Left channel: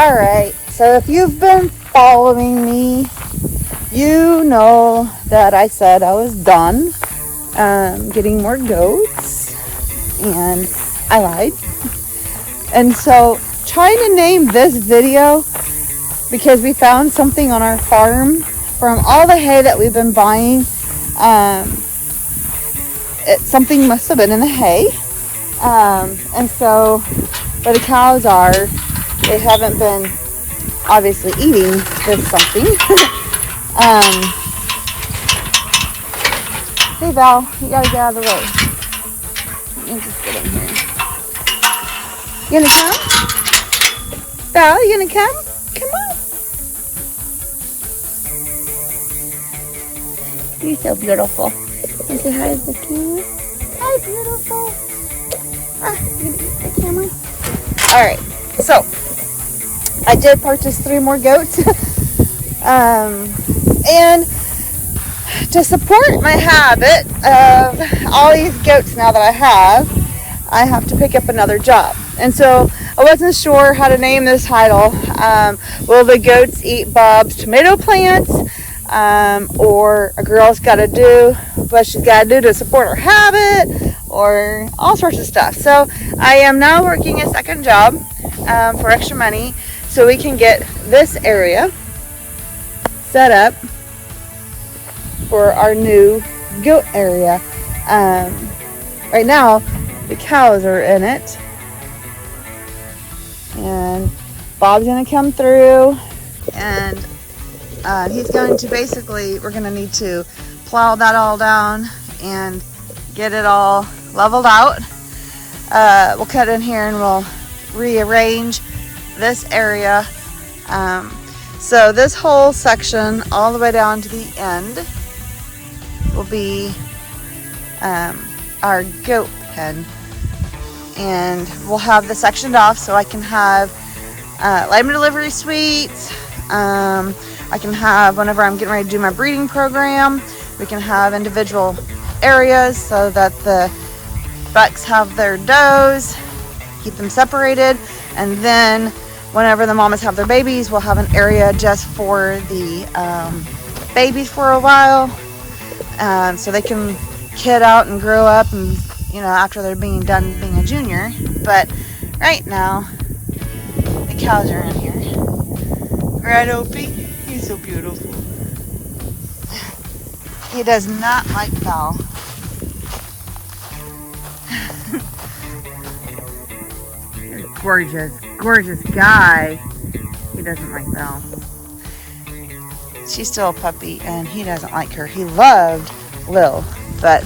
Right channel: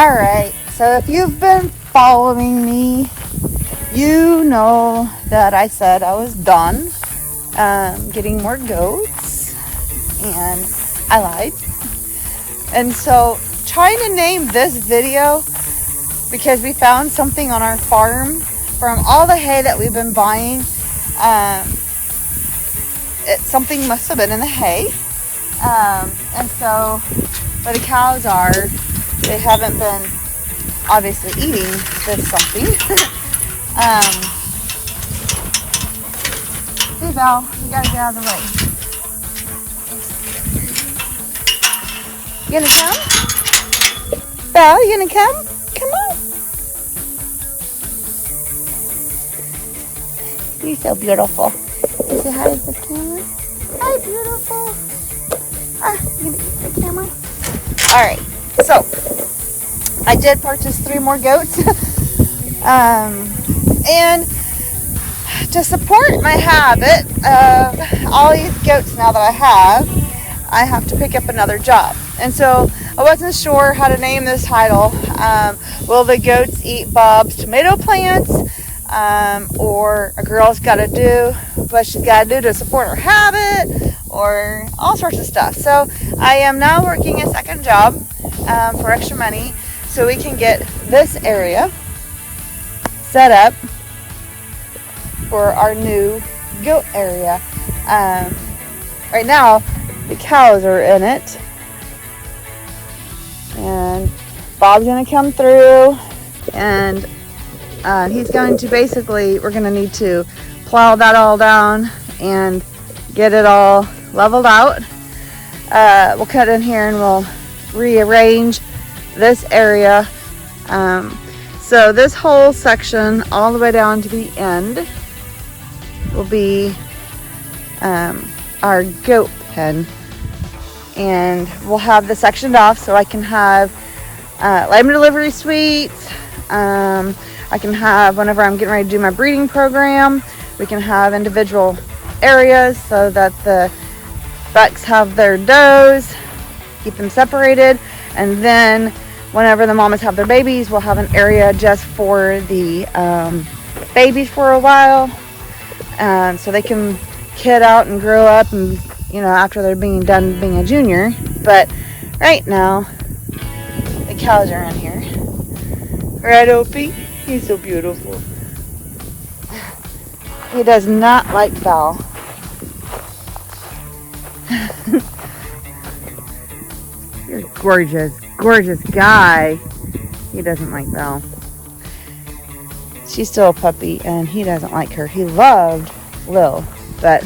Alright, so if you've been following me, you know that I said I was done getting more goats, and I lied. And so trying to name this video, because we found something on our farm from all the hay that we've been buying. Something must have been in the hay. And so where the cows are, they haven't been obviously eating this something. Hey Val, you gotta get out of the way. Let me just get in here. You gonna come? Val, you gonna come? Come on. You're so beautiful. You say hi to the camera. Hi, beautiful. You gonna eat the camera? Alright, so I did purchase 3 more goats. And to support my habit of all these goats now that I have to pick up another job. And so I wasn't sure how to name this title. Will the goats eat Bob's tomato plants? Or a girl's got to do what she's got to do to support her habit, or all sorts of stuff. So I am now working a second job for extra money so we can get this area set up for our new goat area. Right now the cows are in it, and Bob's gonna come through, and he's going to basically, we're gonna need to plow that all down and get it all leveled out. We'll cut in here and we'll rearrange this area. So this whole section all the way down to the end will be our goat pen, and we'll have this sectioned off so I can have lamb delivery suites. I can have, whenever I'm getting ready to do my breeding program, we can have individual areas so that the bucks have their does, keep them separated, and then whenever the mamas have their babies, we'll have an area just for the babies for a while, so they can kid out and grow up, and after they're done being a junior. But right now the cows are in here, right, Opie? He's so beautiful. He does not like Val. You're a gorgeous guy. He doesn't like Val. She's still a puppy, and he doesn't like her. He loved Lil, but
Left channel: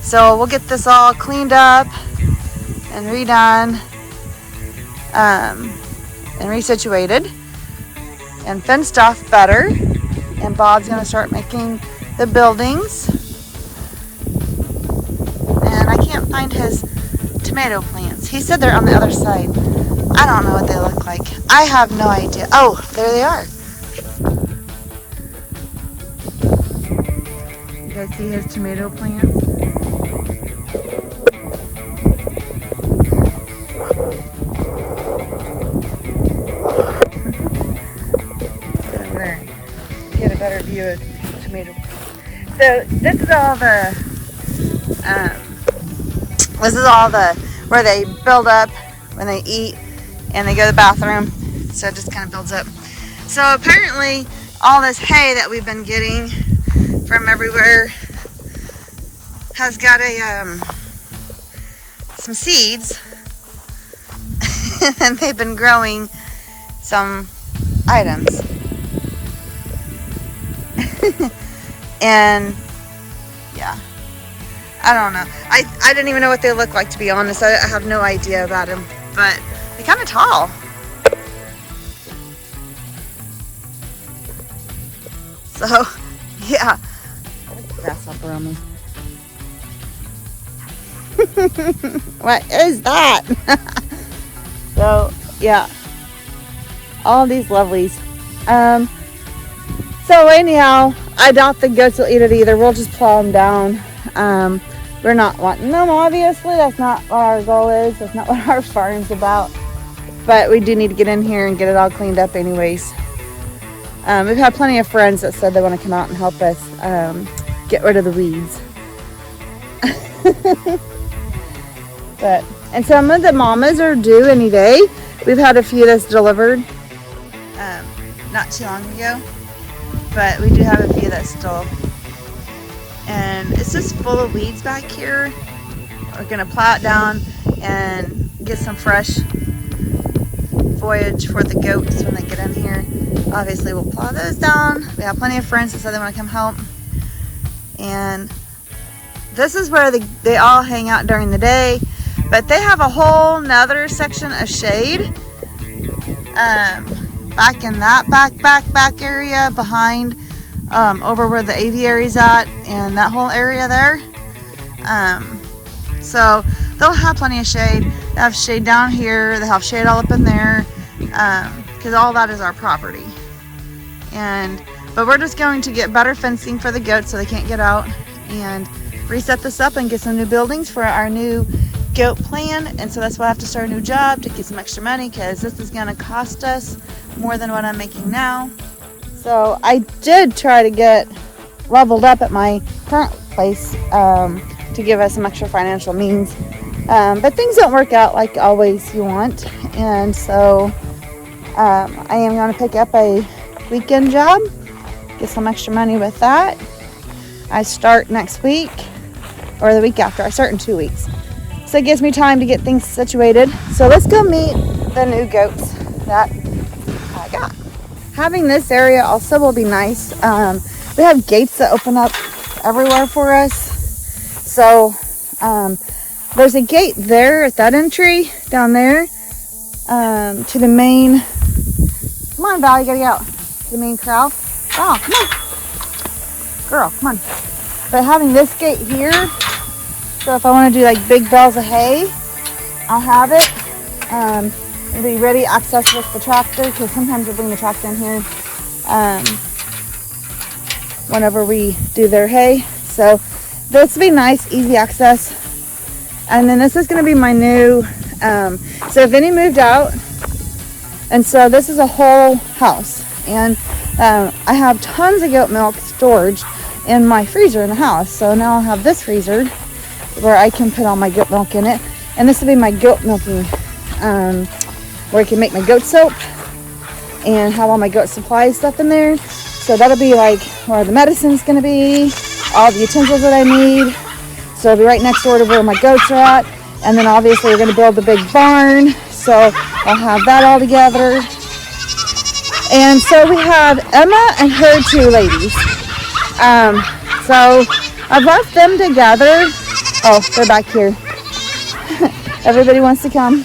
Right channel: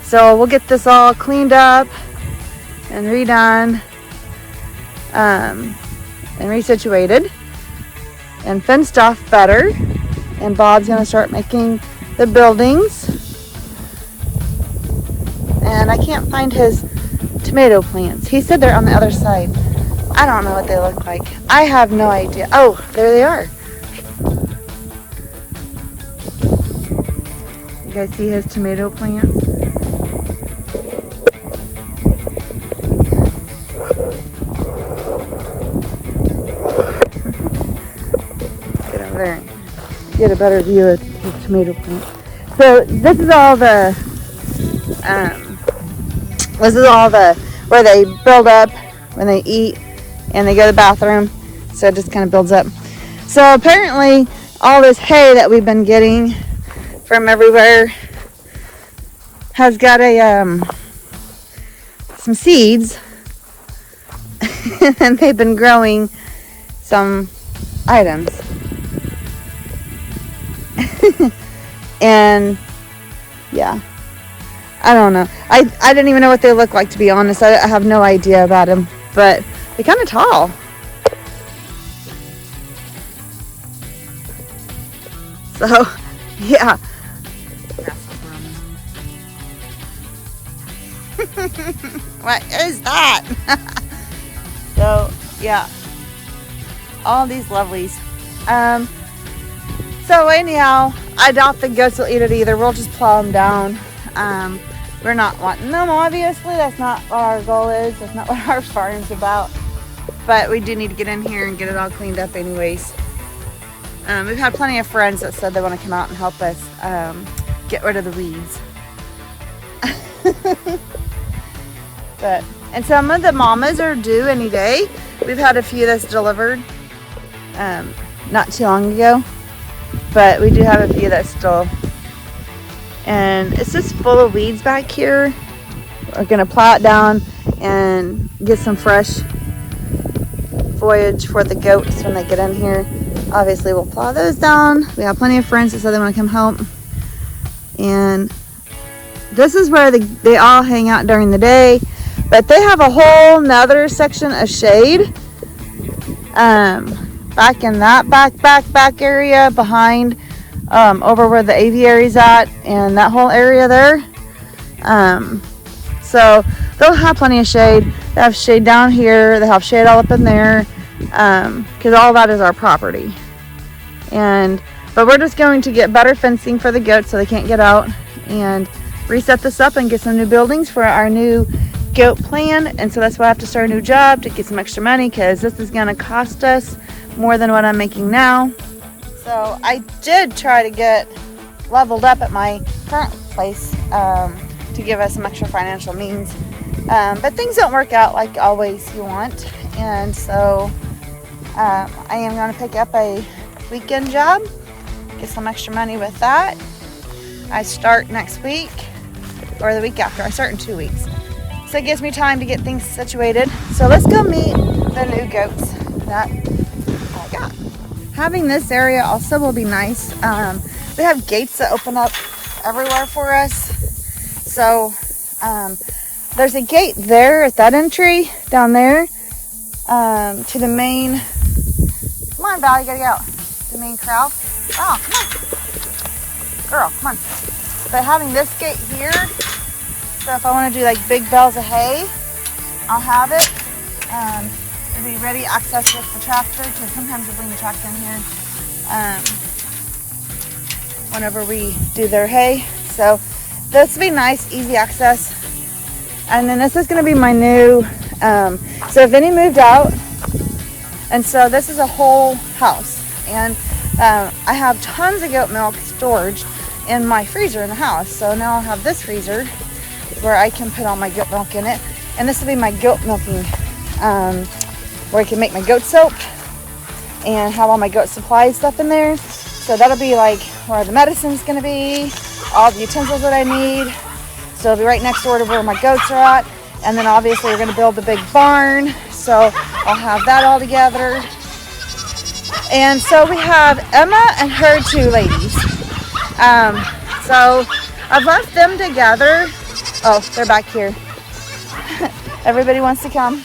so we'll get this all cleaned up and redone, and resituated and fenced off better. And Bob's gonna start making the buildings, and I can't find his tomato plants. He said they're on the other side. I don't know what they look like. I have no idea. Oh, there they are. You guys see his tomato plants? Get over there. Get a better view of his tomato plants. So this is all the where they build up when they eat and they go to the bathroom. So it just kind of builds up. So apparently all this hay that we've been getting from everywhere has got some seeds and they've been growing some items. And yeah, I don't know. I didn't even know what they look like, to be honest. I have no idea about them, but they're kind of tall. So yeah, grasshopper on me. What is that? So yeah, all these lovelies. So anyhow, I doubt the goats will eat it either. We'll just plow them down. We're not wanting them, obviously. That's not what our goal is. That's not what our farm's about. but we do need to get in here and get it all cleaned up anyways. We've had plenty of friends that said they want to come out and help us get rid of the weeds. And some of the mamas are due any day. We've had a few that's delivered not too long ago, but we do have a few that's still, and it's just full of weeds back here. We're gonna plow it down and get some fresh foliage for the goats when they get in here. Obviously we'll plow those down. We have plenty of friends that said they want to come help, and this is where they all hang out during the day, but they have a whole nother section of shade back in that back area behind over where the aviary's at, and that whole area there. So they'll have plenty of shade. They have shade down here, they have shade all up in there, because all that is our property. But we're just going to get better fencing for the goats so they can't get out, and reset this up and get some new buildings for our new goat plan. And so that's why I have to start a new job to get some extra money, because this is going to cost us more than what I'm making now. So I did try to get leveled up at my current place to give us some extra financial means, but things don't work out like always you want, and so I am going to pick up a weekend job, get some extra money with that. I start next week, or the week after. I start in 2 weeks, so it gives me time to get things situated. So let's go meet the new goats that I got. Having this area also will be nice. We have gates that open up everywhere for us. So there's a gate there at that entry down there to the main. Come on, Val, you gotta get out. The main corral. Oh, come on, girl, come on. But having this gate here, so if I want to do like big bales of hay, I'll have it. It'll be ready access with the tractor, because sometimes we bring the tractor in here whenever we do their hay. So this will be nice, easy access. And then this is going to be my new, so Vinny moved out, and so this is a whole house, and I have tons of goat milk stored in my freezer in the house. So now I'll have this freezer where I can put all my goat milk in it, and this will be my goat milking, where I can make my goat soap and have all my goat supply stuff in there. So that'll be like where the medicine's going to be, all the utensils that I need. So it'll be right next door to where my goats are at. And then obviously we're going to build the big barn, so I'll have that all together. And so we have Emma and her two ladies. So I've left them together. Oh, they're back here. Everybody wants to come.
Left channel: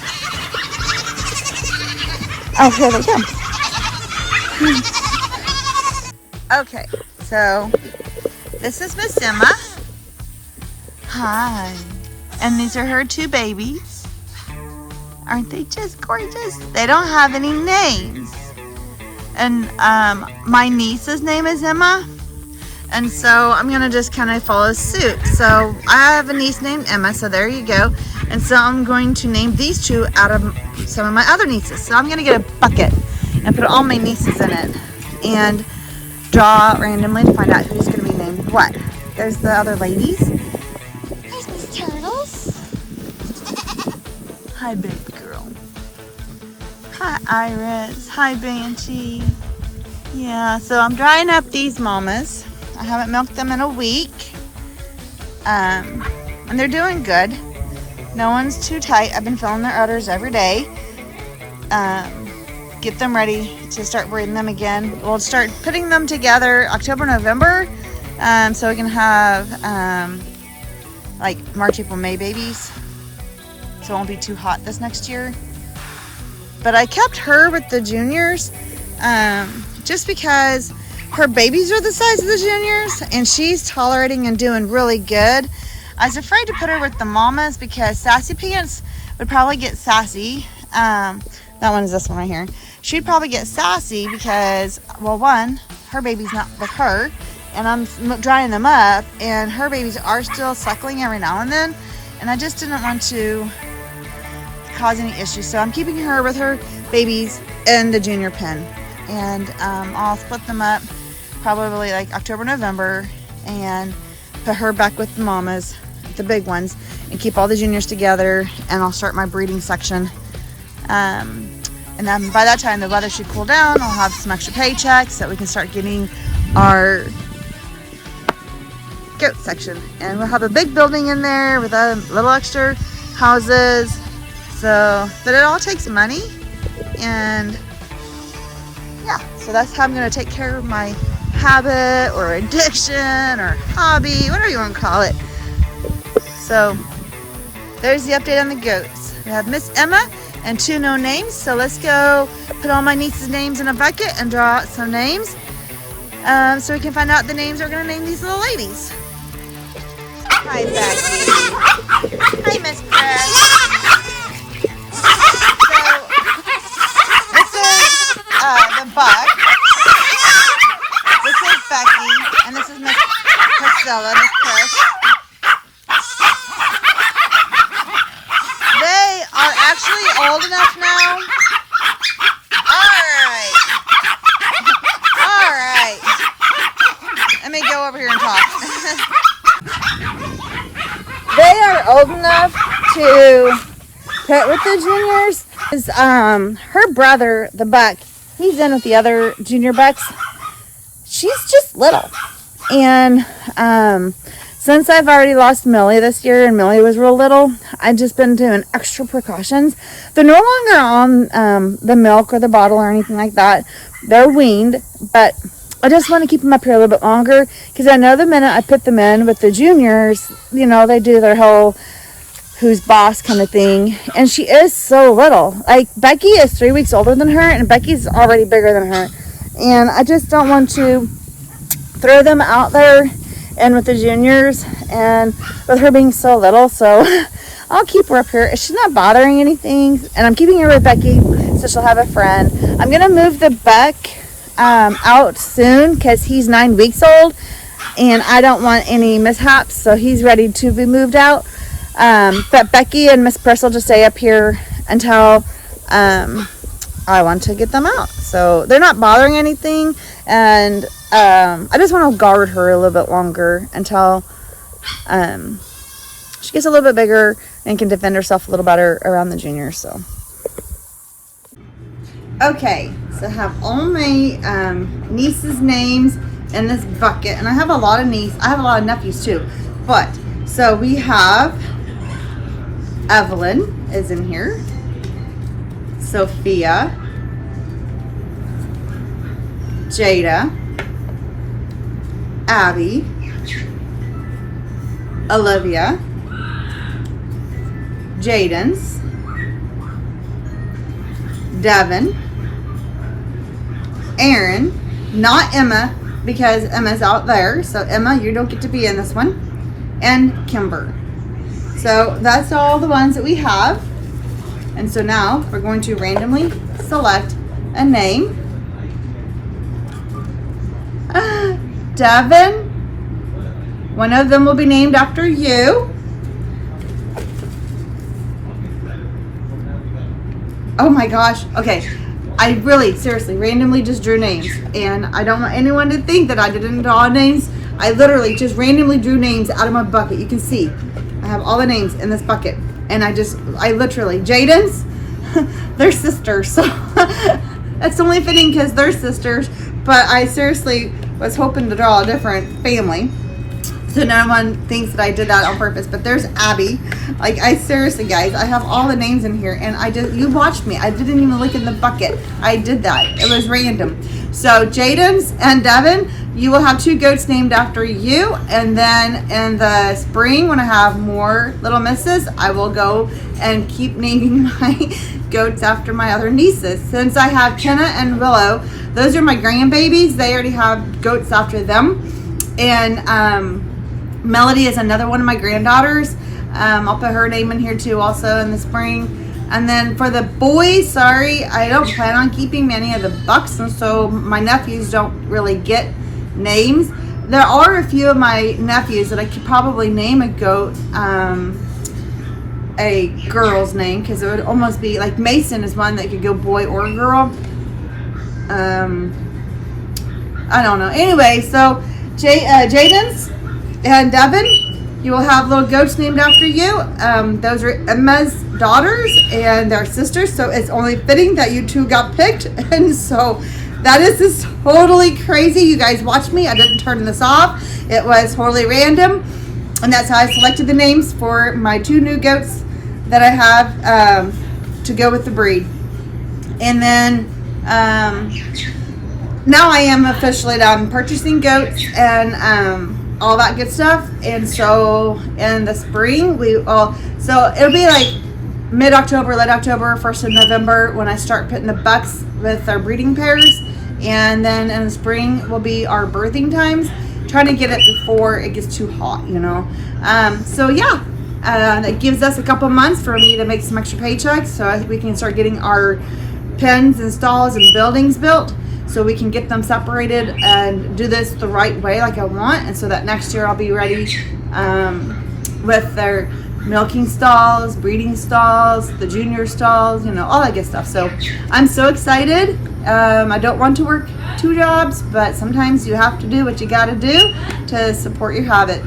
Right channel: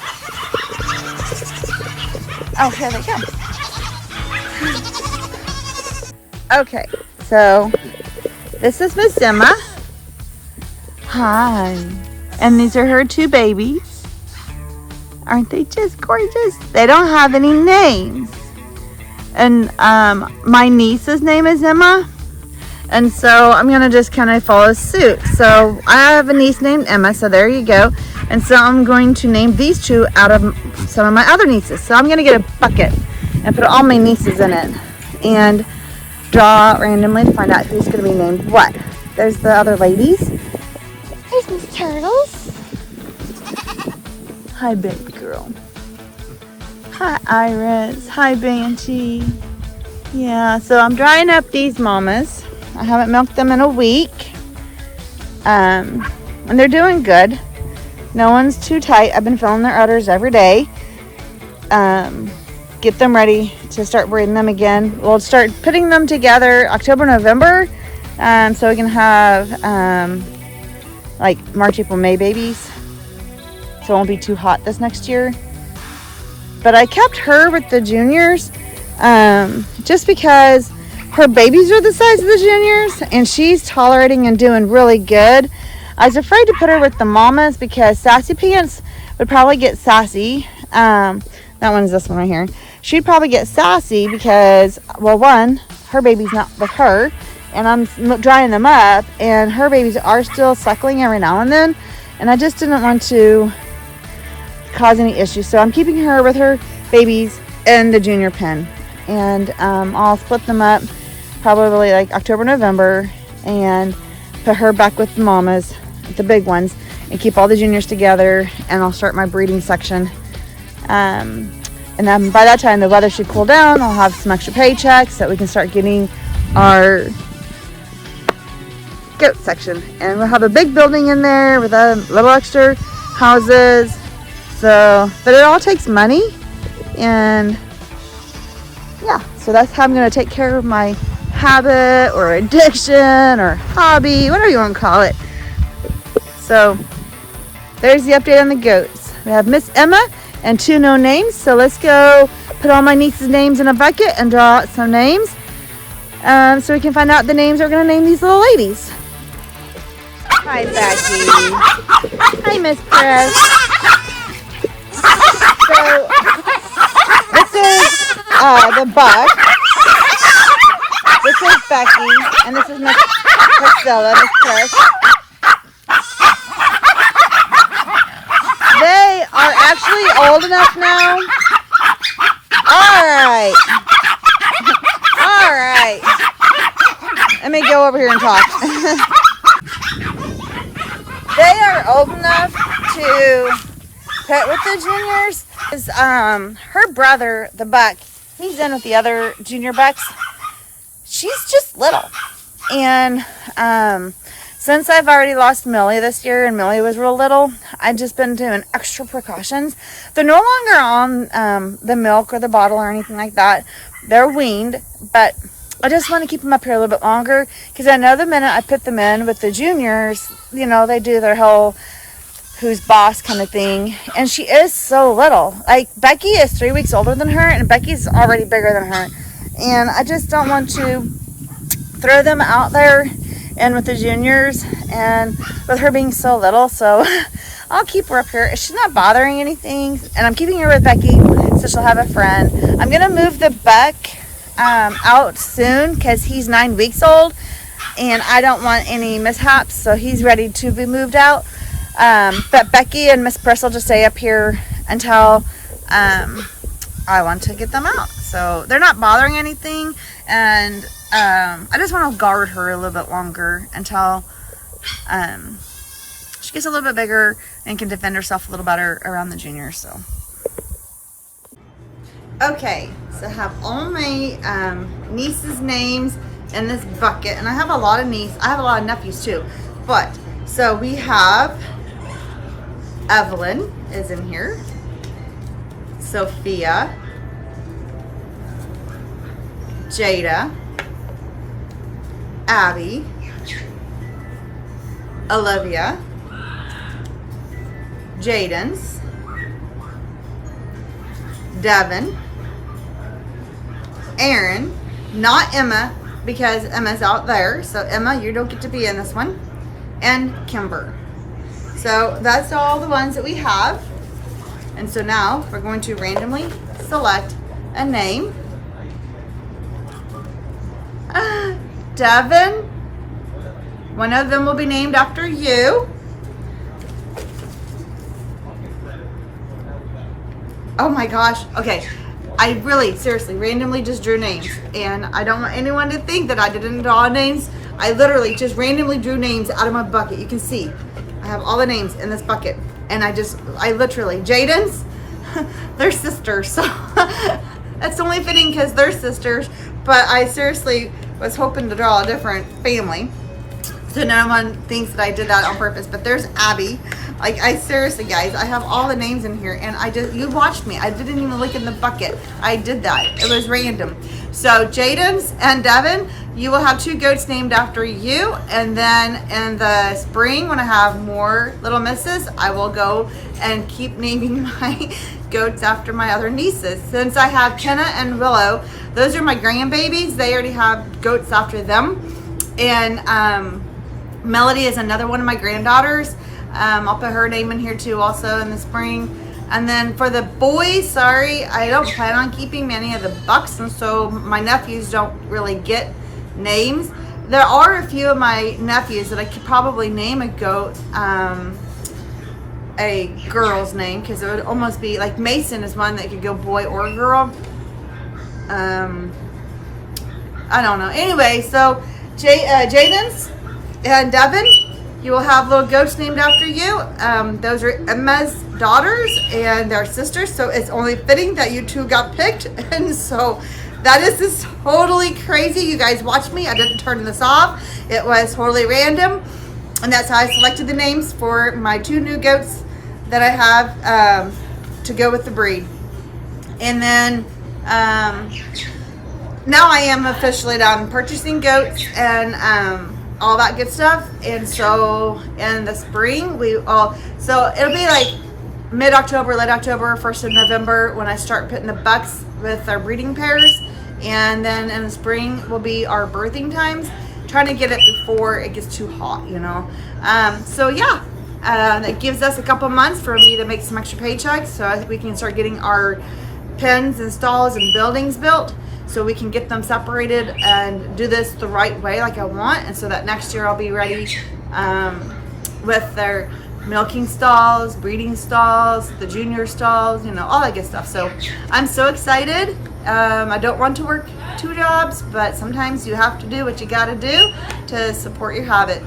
Oh, here they come. Okay, so this is Miss Emma. Hi. And these are her two babies. Aren't they just gorgeous? They don't have any names. And my niece's name is Emma. And so I'm going to just kind of follow suit. So I have a niece named Emma, so there you go. And so I'm going to name these two out of some of my other nieces. So I'm going to get a bucket and put all my nieces in it and draw randomly to find out who's going to be named what. There's the other ladies. There's Miss Turtles. Hi, baby girl. Hi, Iris. Hi, Banshee. Yeah, so I'm drying up these mamas. I haven't milked them in a week. And they're doing good. No one's too tight. I've been filling their udders every day. Get them ready to start breeding them again. We'll start putting them together October, November. So we can have like March, April, May babies. So it won't be too hot this next year. But I kept her with the juniors just because her babies are the size of the juniors and she's tolerating and doing really good. I was afraid to put her with the mamas because Sassy Pants would probably get sassy. That one is this one right here. She'd probably get sassy because, well, one, her baby's not with her, and I'm drying them up, and her babies are still suckling every now and then, and I just didn't want to cause any issues. So I'm keeping her with her babies in the junior pen, and I'll split them up probably like October, November, and put her back with the mamas, the big ones, and keep all the juniors together, and I'll start my breeding section. And then by that time the weather should cool down. I'll have some extra paychecks so that we can start getting our goat section, and we'll have a big building in there with a little extra houses. So, but it all takes money, and yeah, so that's how I'm going to take care of my habit or addiction or hobby, whatever you want to call it. So there's the update on the goats. We have Miss Emma and 2 no names. So let's go put all my nieces' names in a bucket and draw out some names, so we can find out the names we're going to name these little ladies. Hi, Becky. Hi, Miss Press. So this is the buck. This is Becky, and this is Miss Priscilla, Miss Press. They are actually old enough now. Alright. Alright. Let me go over here and talk. They are old enough to put with the juniors. Her brother, the buck, he's in with the other junior bucks. She's just little. And since I've already lost Millie this year, and Millie was real little, I've just been doing extra precautions. They're no longer on the milk or the bottle or anything like that. They're weaned, but I just want to keep them up here a little bit longer, because I know the minute I put them in with the juniors, you know, they do their whole who's boss kind of thing. And she is so little. Like, Becky is 3 weeks older than her, and Becky's already bigger than her. And I just don't want to throw them out there and with the juniors, and with her being so little. So I'll keep her up here. She's not bothering anything, and I'm keeping her with Becky so she'll have a friend. I'm gonna move the buck out soon, because he's 9 weeks old, and I don't want any mishaps, so he's ready to be moved out. But Becky and Miss Press will just stay up here until I want to get them out. So they're not bothering anything, and I just want to guard her a little bit longer until she gets a little bit bigger and can defend herself a little better around the juniors. So okay, so I have all my nieces' names in this bucket, and I have a lot of I have a lot of nephews too. But so we have Evelyn is in here, Sophia, Jada, Abby, Olivia, Jaden's, Devin, Aaron, not Emma, because Emma's out there, so Emma, you don't get to be in this one, and Kimber. So that's all the ones that we have. And so now we're going to randomly select a name. Devin, one of them will be named after you. Oh my gosh. Okay. I really, seriously, randomly just drew names. And I don't want anyone to think that I didn't draw names. I literally just randomly drew names out of my bucket. You can see I have all the names in this bucket. And I literally, Jaden's, they're sisters. So that's only fitting because they're sisters. But I seriously was hoping to draw a different family, so no one thinks that I did that on purpose. But there's Abby. Like, I seriously, guys, I have all the names in here, and you watched me. I didn't even look in the bucket. I did that. It was random. So Jaden's and Devin, you will have 2 goats named after you. And then in the spring, when I have more little misses, I will go and keep naming my goats after my other nieces. Since I have Kenna and Willow, those are my grandbabies. They already have goats after them. And Melody is another one of my granddaughters. I'll put her name in here too also in the spring. And then for the boys, sorry, I don't plan on keeping many of the bucks, and so my nephews don't really get names. There are a few of my nephews that I could probably name a goat, a a girl's name because it would almost be like Mason is one that could go boy or girl. I don't know. Anyway, so Jaden's and Devin, you will have little goats named after you. Those are Emma's daughters and their sisters, so it's only fitting that you two got picked. And so that is just totally crazy. You guys watch me. I didn't turn this off. It was totally random. And that's how I selected the names for my 2 new goats that I have to go with the breed. And then now I am officially done purchasing goats and all that good stuff. And so in the spring, so it'll be like mid-October, late October, 1st of November when I start putting the bucks with our breeding pairs. And then in the spring will be our birthing times. Trying to get it before it gets too hot, you know. So yeah, it gives us a couple months for me to make some extra paychecks so we can start getting our pens and stalls and buildings built so we can get them separated and do this the right way like I want, and so that next year I'll be ready with their milking stalls, breeding stalls, the junior stalls, you know, all that good stuff. So I'm so excited. I don't want to work 2 jobs, but sometimes you have to do what you got to do to support your habit.